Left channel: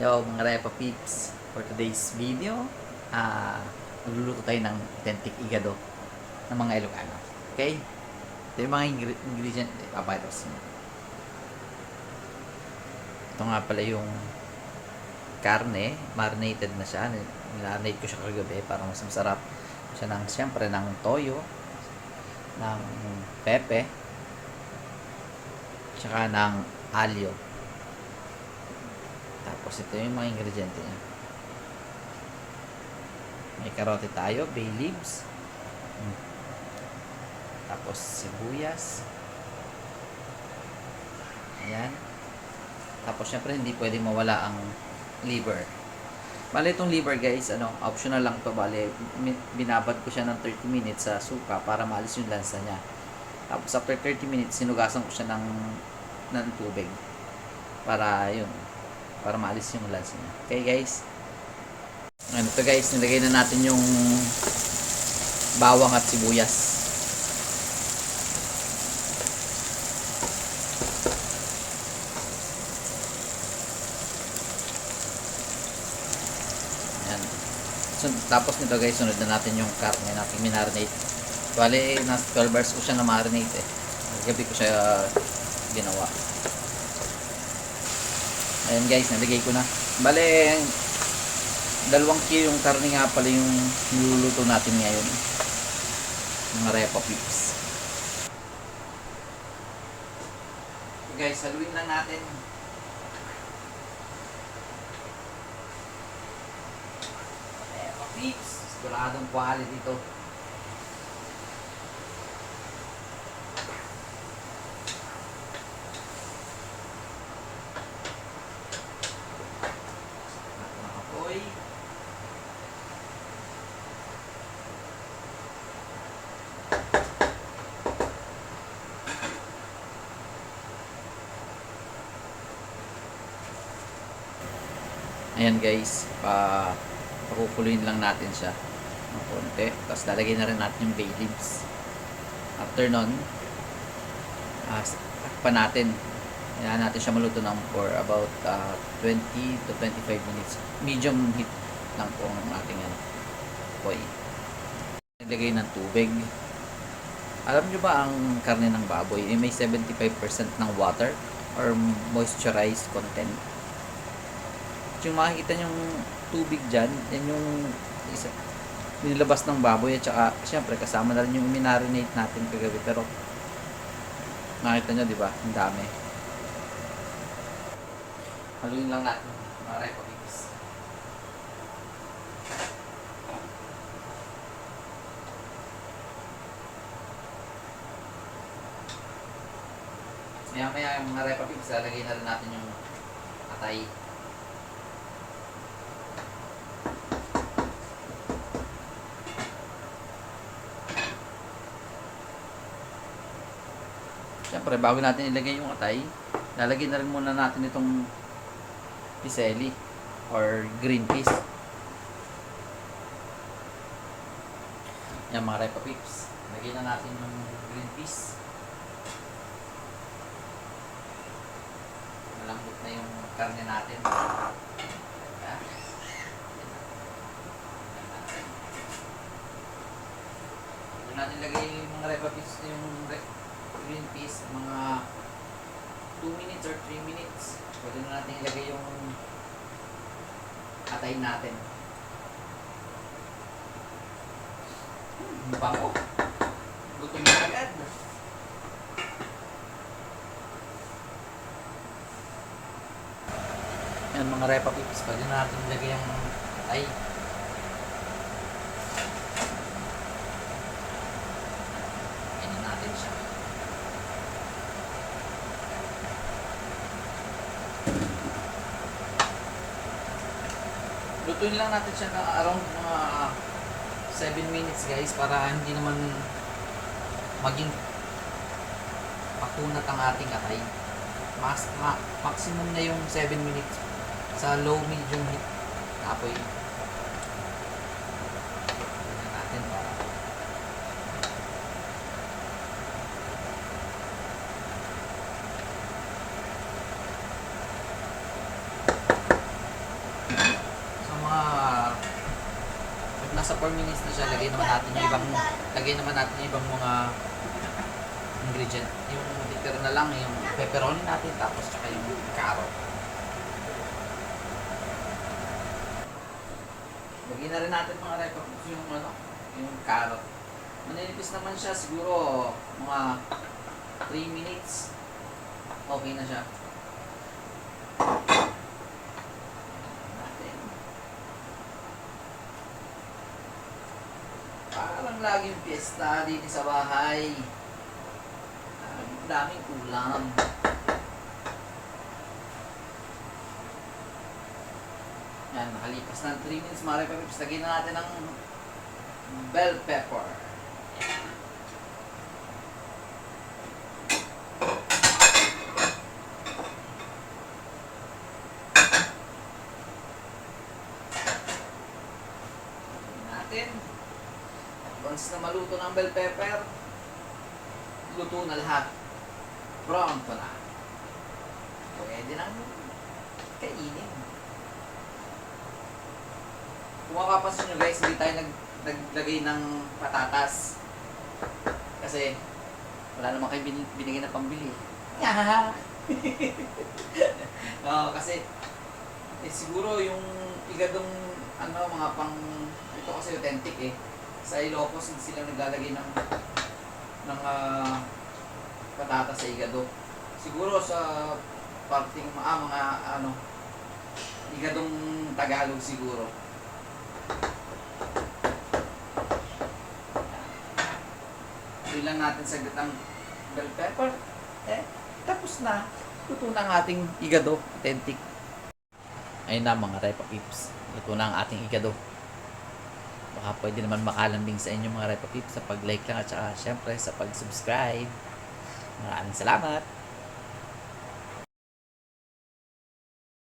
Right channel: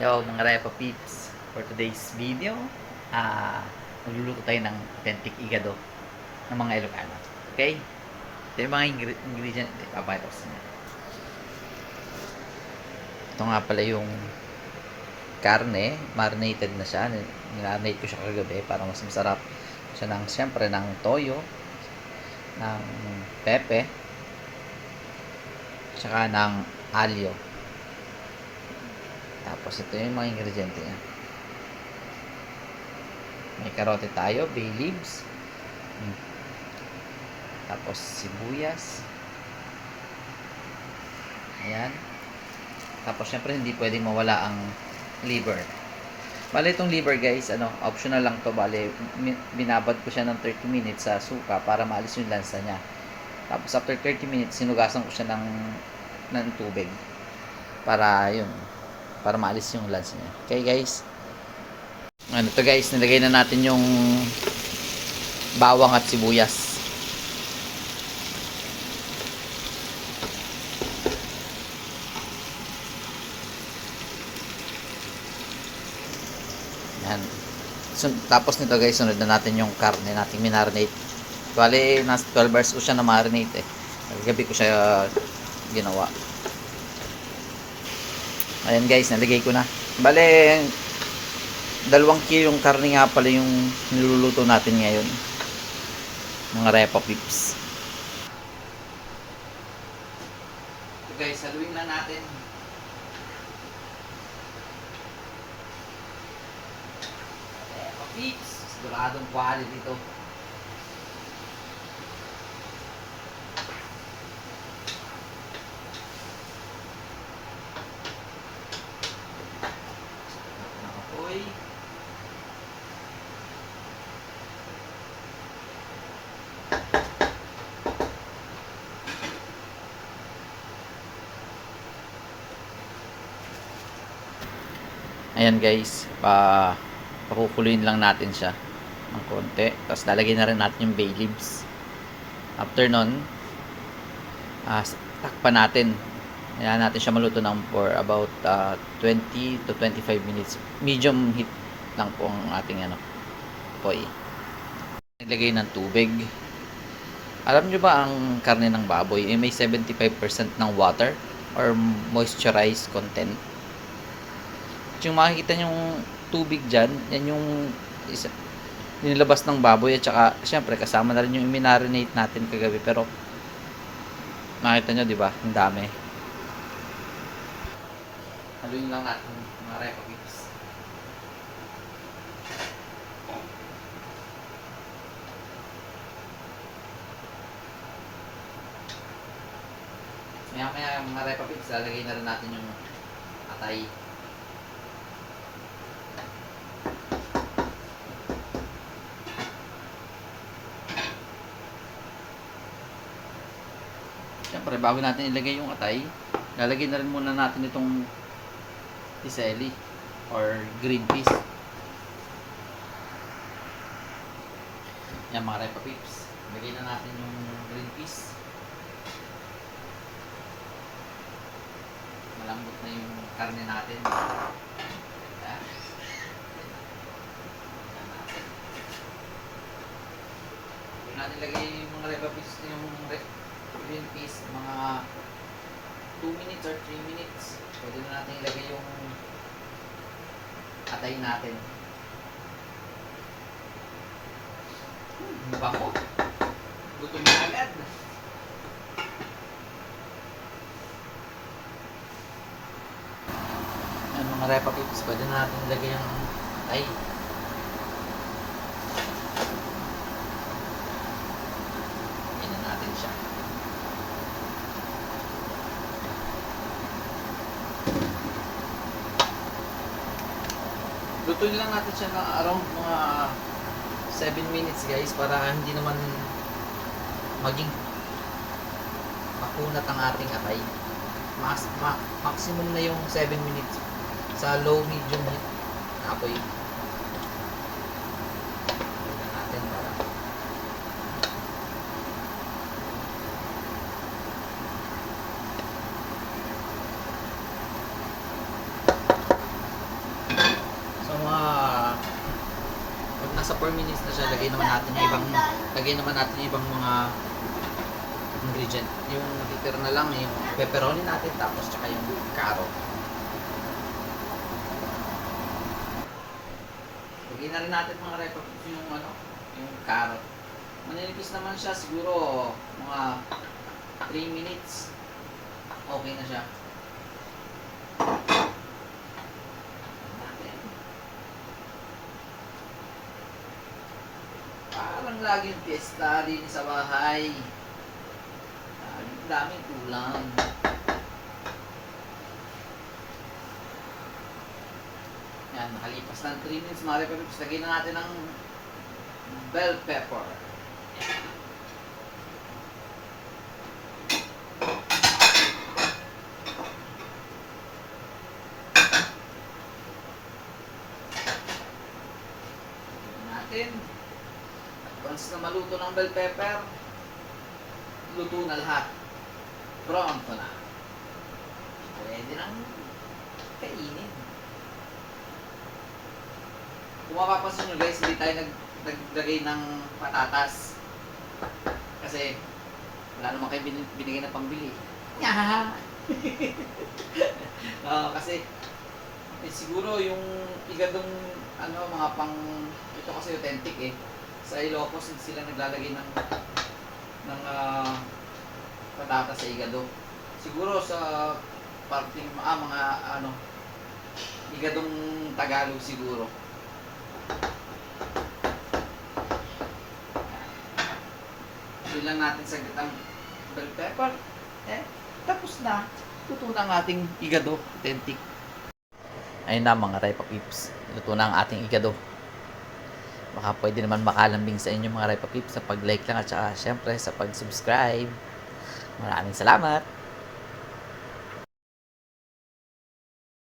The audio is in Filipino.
Yo mga Repa Peeps, for today's video, magluluto tayo ng authentic igado ng mga Ilocano. Okay? Ito yung mga ingredient, papakita ko sa inyo. Ito nga pala yung karne, marinated na siya. Nilarinate ko siya kagabi para mas masarap. Siya ng, siyempre, ng toyo, ng pepe, tsaka ng alyo. Tapos ito yung mga ingrediente niya. May karote tayo, bay leaves. Tapos sibuyas. Ayan. Tapos syempre hindi pwedeng mawala ang liver. Bale itong liver guys, optional lang to. Bale binabad ko siya ng 30 minutes sa suka para maalis yung lansa niya. Tapos after 30 minutes sinugasan ko siya ng tubig para para maalis yung lansa niya. Okay guys. Ito guys, nilagay na natin yung bawang at sibuyas. Yan. So, tapos nito guys, sunod na natin yung karne natin minarinate. Bale, nasa 12 hours ko siya na marinate eh. Gabi ko siya ginawa. Ayan guys, nalagay ko na. Bale, 2 kilo yung karne nga pala yung niluluto natin ngayon. Mga Repa Peeps. So guys, haluin lang natin. Repa Peeps, siguradong quality ito. Nakapoy. Ayan guys, pakukuluin lang natin siya ng konti. Tapos lalagay na rin natin yung bay leaves. After nun, takpan natin. Ayan natin siya maluto ng for about 20 to 25 minutes. Medium heat lang po ang ating apoy. Nilagay ng tubig. Alam nyo ba ang karne ng baboy may 75% ng water or moisturized content? Yung makikita yung tubig dyan, yan yung nilabas ng baboy at saka syempre kasama na rin yung minarinate natin kagabi, pero makita nyo diba, ang dami. Haluin lang natin mga Repa Peeps. Maya mga Repa Peeps, lalagay na rin natin yung atay. Siyempre, bago natin ilagay yung atay, lalagay na rin muna natin itong piseli or green peas. Yan mga Repa Peeps. Lagay na natin yung green peas. Malambot na yung karne natin. Doon natin ilagay yung mga Repa Peeps, yung green peas, mga 2 minutes or 3 minutes. Pwede na natin ilagay yung atay natin. Bango. Luto na agad. Yan mga Repa Peeps, pwede na natin ilagay yung atay. Ganyan natin siya. Lutuin lang natin siya na around mga 7 minutes guys, para hindi naman maging makunat ang ating atay. Maximum na yung 7 minutes sa low medium heat apoy. Natin para So mga pag nasa 4 minutes na siya, lagay naman natin yung ibang mga ingredient. Yung titira na lang yung pepperoni natin, tapos tsaka yung carrot. Lagyan na rin natin mga repa yung yung carrot. Maninipis naman siya, siguro mga 3 minutes. Okay na siya. Parang laging piyesta din sa bahay. Daming ulam. Yan, nakalipas ng 3 minutes, mga repa-pips, lagyan na natin ng bell pepper. Natin. Once na maluto ng bell pepper, luto na lahat. Brown pa na. Pwede nang kainin. Kung mapapansin nyo guys, hindi tayo naglagay ng patatas. Kasi wala naman kayo binigay na pambili. Kasi siguro yung igadong mga pang ito kasi authentic eh. Sa Ilocos hindi sila naglalagay ng patatas sa igado. Siguro sa parting mga igadong Tagalog siguro. Hindi lang natin saglit ang bell pepper. Tapos na. Luto na ang ating igado. Authentic. Ayun na mga repa-pips. Luto na ang ating igado. Baka pwede naman makalambing sa inyo mga repa-pips sa pag-like lang at saka syempre sa pag-subscribe. Maraming salamat.